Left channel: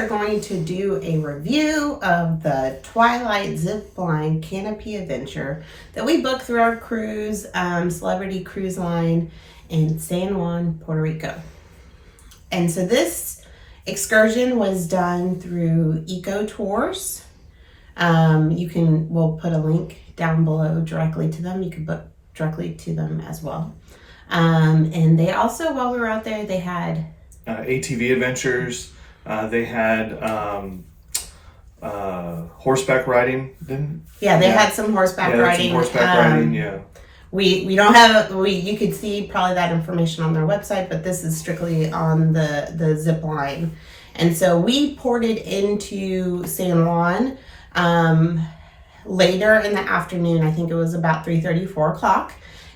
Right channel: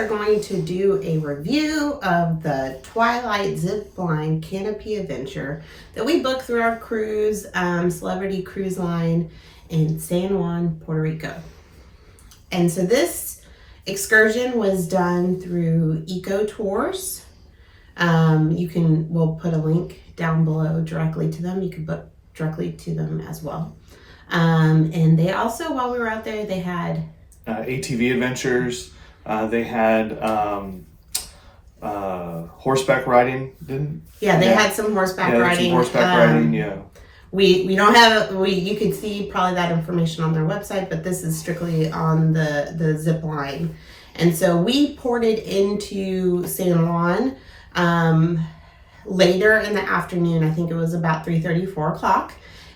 are going to do a review of the Twilight Zipline Canopy Adventure that we booked through our cruise, Celebrity Cruise Line in San Juan, Puerto Rico. And so this excursion was done through EcoQuest Tours. We'll put a link down below directly to them. You can book directly to them as well. And they also, while we were out there, they had ATV adventures. They had horseback riding. They had some horseback riding. We don't have, you could see probably that information on their website, but this is strictly on the zip line. And so we ported into San Juan later in the afternoon. I think it was about 3:30, 4 o'clock.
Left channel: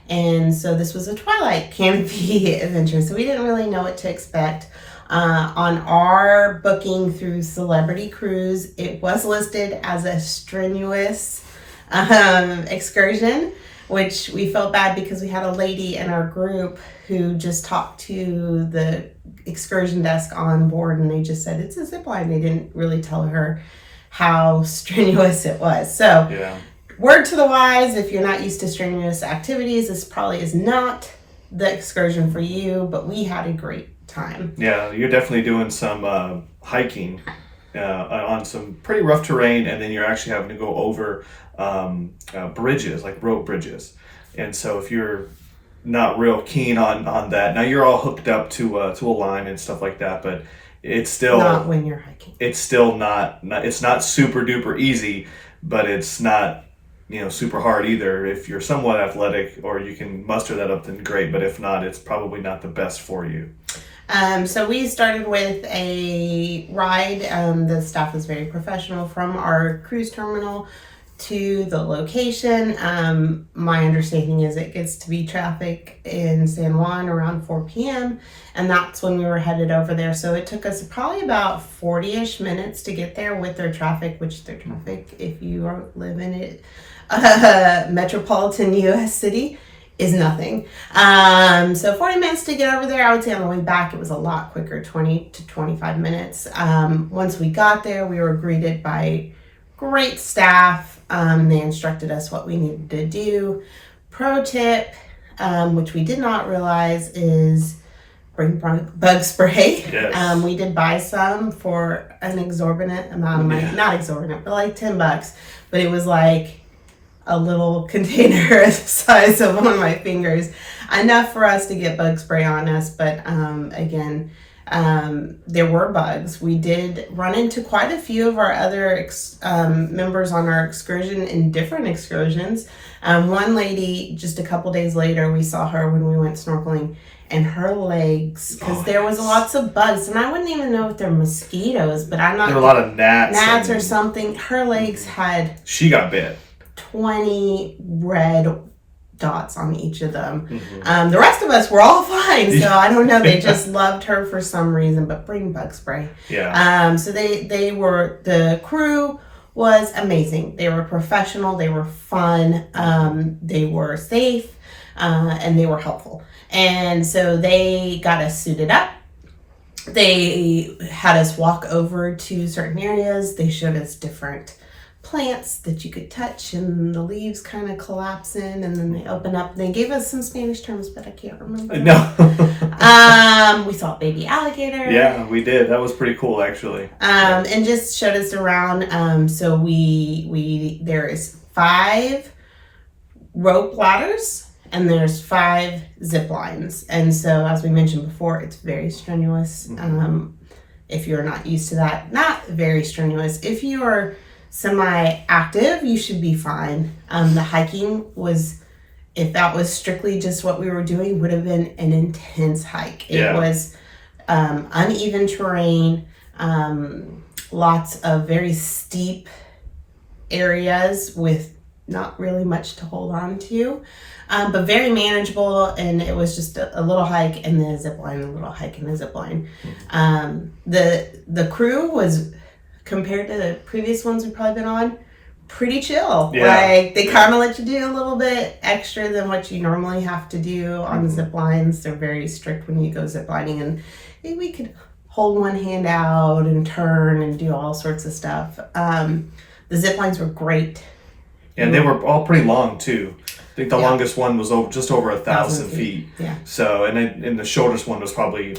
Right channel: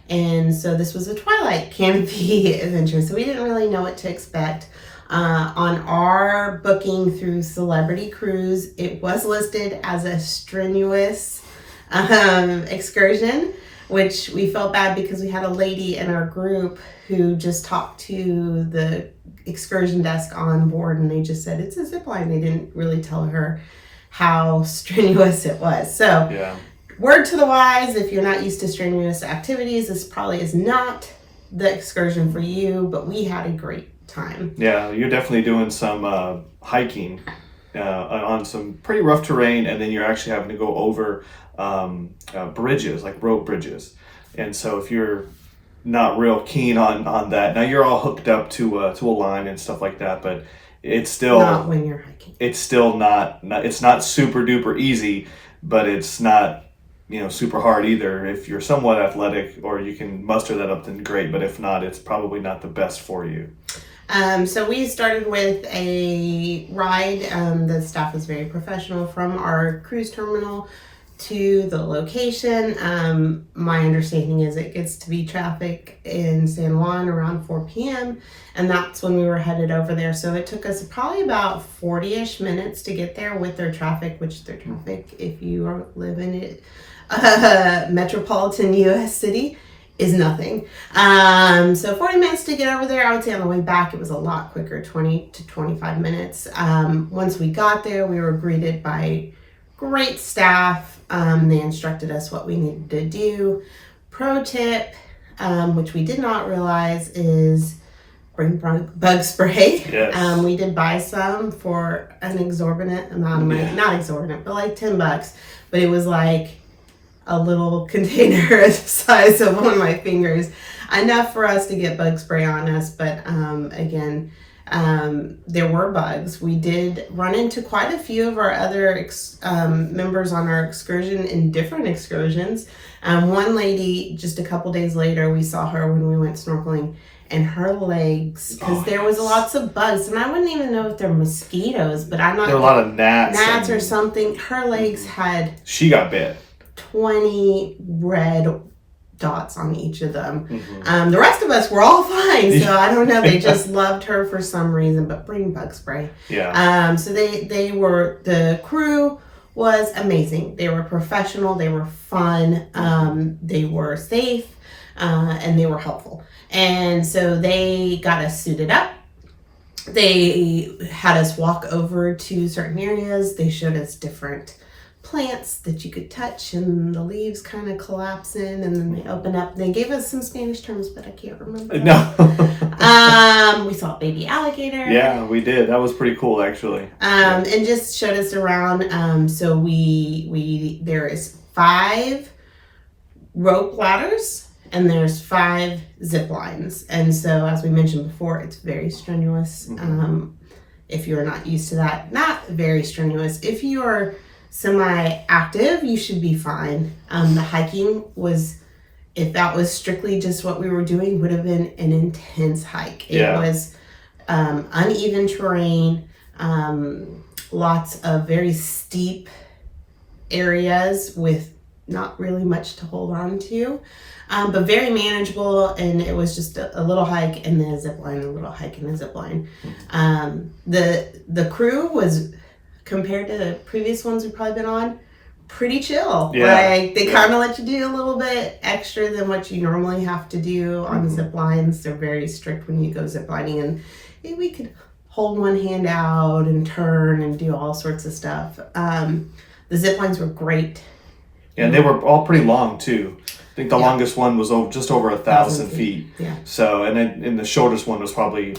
And so this was a Twilight Canopy adventure. So we didn't really know what to expect. On our booking through Celebrity Cruise, it was listed as a strenuous excursion, which we felt bad because we had a lady in our group who just talked to the excursion desk on board and they just said it's a zip line. They didn't really tell her how strenuous it was. So word to the wise, if you're not used to strenuous activities, this probably is not the excursion for you, but we had a great time. Yeah, you're definitely doing some hiking on some pretty rough terrain, and then you're actually having to go over bridges, like rope bridges. And so if you're not real keen on that, now you're all hooked up to a line and stuff like that, but it's still not when you're hiking. It's still not it's not super duper easy, but it's not super hard either. If you're somewhat athletic or you can muster that up, then great, but if not, it's probably not the best for you. So we started with a ride. The staff is very professional from our cruise terminal to the location. My understanding is it gets to be traffic in San Juan around 4 p.m. and that's when we were headed over there. So it took us probably about 40-ish minutes to get there with their traffic, which their traffic, if you live in it, metropolitan U.S. city, is nothing. So 40 minutes to get over there. I would say on the way back it was a lot quicker, 20 to 25 minutes. Once we got there, we were greeted by great staff. They instructed us what we needed to do. Pro tip, which we did not realize, is bring bug spray. Yes. We did buy some for an exorbitant amount of money. Not exorbitant, but like $10. But it was like a little container the size of one of my fingers, enough for us to get bug spray on us. But again, there were bugs. We did run into quite a few of our other members on our excursion in different excursions. One lady, just a couple days later, we saw her when we went snorkeling, and her legs, because there was lots of bugs, and I wouldn't even know if they're mosquitoes, but I'm not. There were a lot of gnats or something. Her legs had. She got bit. 20 red dots on each of them. The rest of us were all fine, so I don't know, they just loved her for some reason. But bring bug spray. So the crew was amazing. They were professional, they were fun, they were safe, and they were helpful. And so they got us suited up. They had us walk over to certain areas. They showed us different plants that you could touch, and the leaves kind of collapse in, and then they open up. They gave us some Spanish terms, but I can't remember. No. We saw a baby alligator. Yeah, we did. That was pretty cool, actually. And just showed us around. So there is 5 rope ladders, and there's 5 zip lines. And so, as we mentioned before, it's very strenuous. If you're not used to that, not very strenuous. If you are semi-active, you should be fine. The hiking was, if that was strictly just what we were doing, would have been an intense hike. It was uneven terrain, lots of very steep areas with not really much to hold on to, but very manageable. And it was just a little hike and then a zip line, a little hike and a zip line. The crew was, compared to the previous ones we've probably been on, pretty chill. Like, they kind of let you do a little bit extra than what you normally have to do on zip lines. They're very strict when you go zip lining, and we could hold one hand out and turn and do all sorts of stuff. The zip lines were great. And they were all pretty long too. I think the Yeah. longest one was just over 1,000 feet. Yeah. So, and the shortest one was probably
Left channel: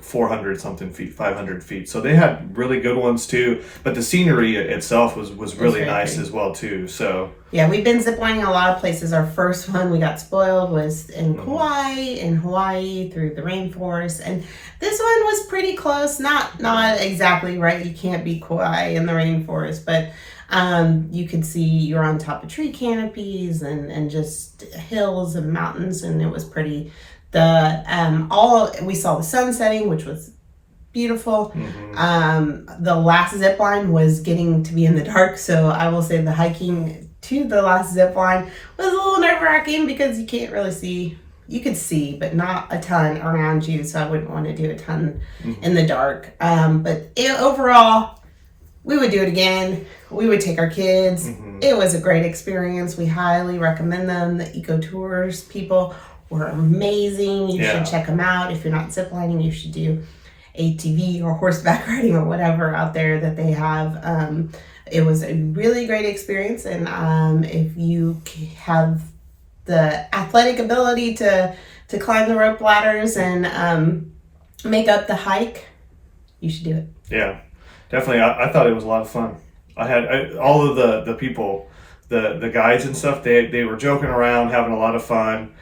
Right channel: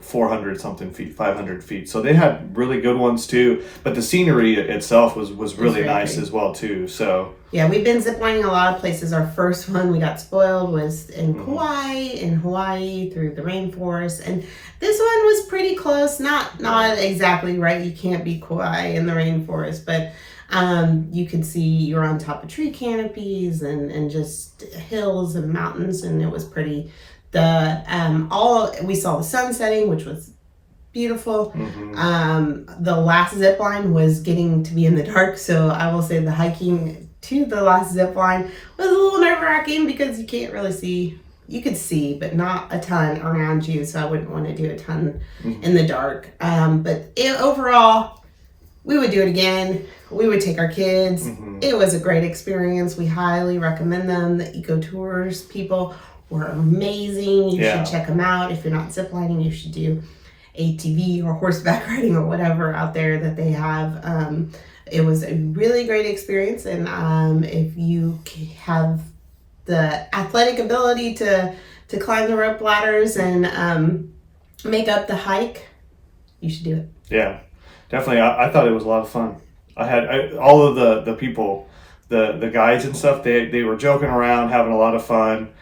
400 something feet, 500 feet. So they had really good ones too. But the scenery itself was really very nice pretty. as well too. So Yeah, we've been ziplining a lot of places. Our first one we got spoiled was in Kauai, in Hawaii, through the rainforest, and this one was pretty close. Not exactly right. You can't beat Kauai in the rainforest, but you could see you're on top of tree canopies and just hills and mountains, and it was pretty. We saw the sun setting, which was beautiful. The last zip line was getting to be in the dark, so I will say the hiking to the last zip line was a little nerve-wracking because you can't really see. You could see, but not a ton around you, so I wouldn't want to do a ton in the dark. But overall, we would do it again. We would take our kids. It was a great experience. We highly recommend them. The EcoTours people were amazing. You should check them out. If you're not ziplining, you should do ATV or horseback riding or whatever out there that they have. It was a really great experience, and if you have the athletic ability to climb the rope ladders and make up the hike, you should do it. yeah, definitely. I thought it was a lot of fun. I had all of the people, the guides and stuff. They were joking around, having a lot of fun.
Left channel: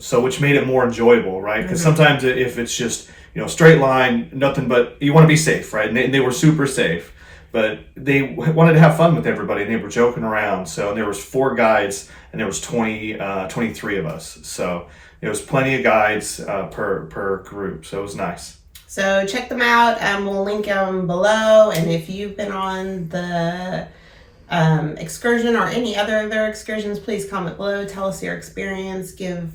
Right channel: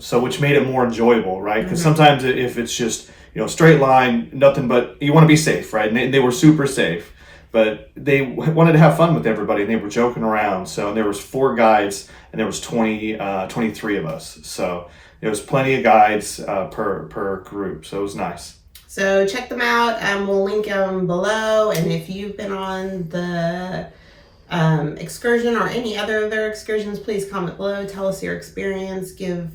So which made it more enjoyable, right? Because sometimes if it's just straight line, nothing but you want to be safe, right? And they were super safe, but they wanted to have fun with everybody, and they were joking around. So there was 4 guides, and there was 23 of us. So there was plenty of guides per group. So it was nice. So check them out. We'll link them below. And if you've been on the excursion or any other of their excursions, please comment below. Tell us your experience. Give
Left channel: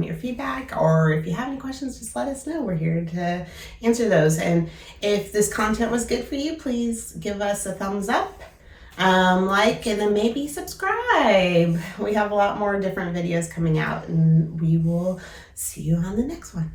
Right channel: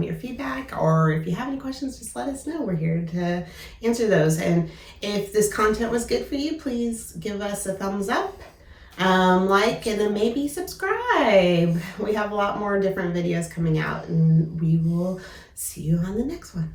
your feedback. Or if you have any questions, just let us know. We're here to answer those. And if this content was good for you, please give us a thumbs up, like, and then maybe subscribe. We have a lot more different videos coming out, and we will see you on the next one.